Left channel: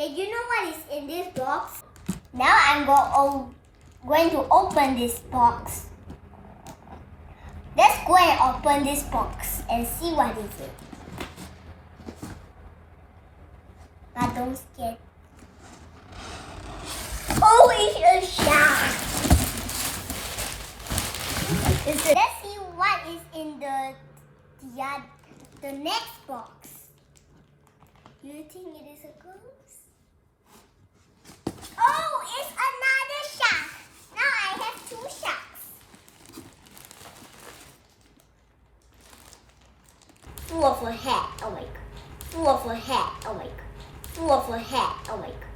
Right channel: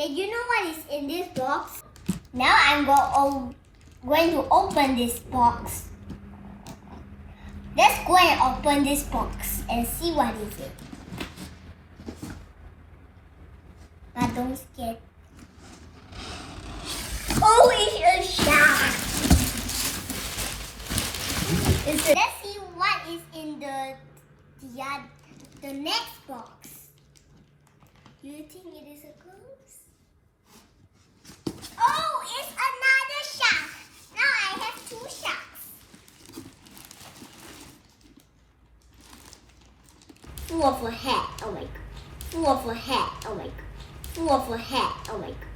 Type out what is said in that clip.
Did you know what is in this box? Now I'm going to open this box. Let's go and open this box and see what is it. But don't scare. Oh, it's a shark. Let's see what is in the next box. Do you think it is a ghost? Oh, it's another shark. Now I have 2 sharks. Full of a head. Oh my god. Full of a head. Oh my god. Full of a head. Oh my god.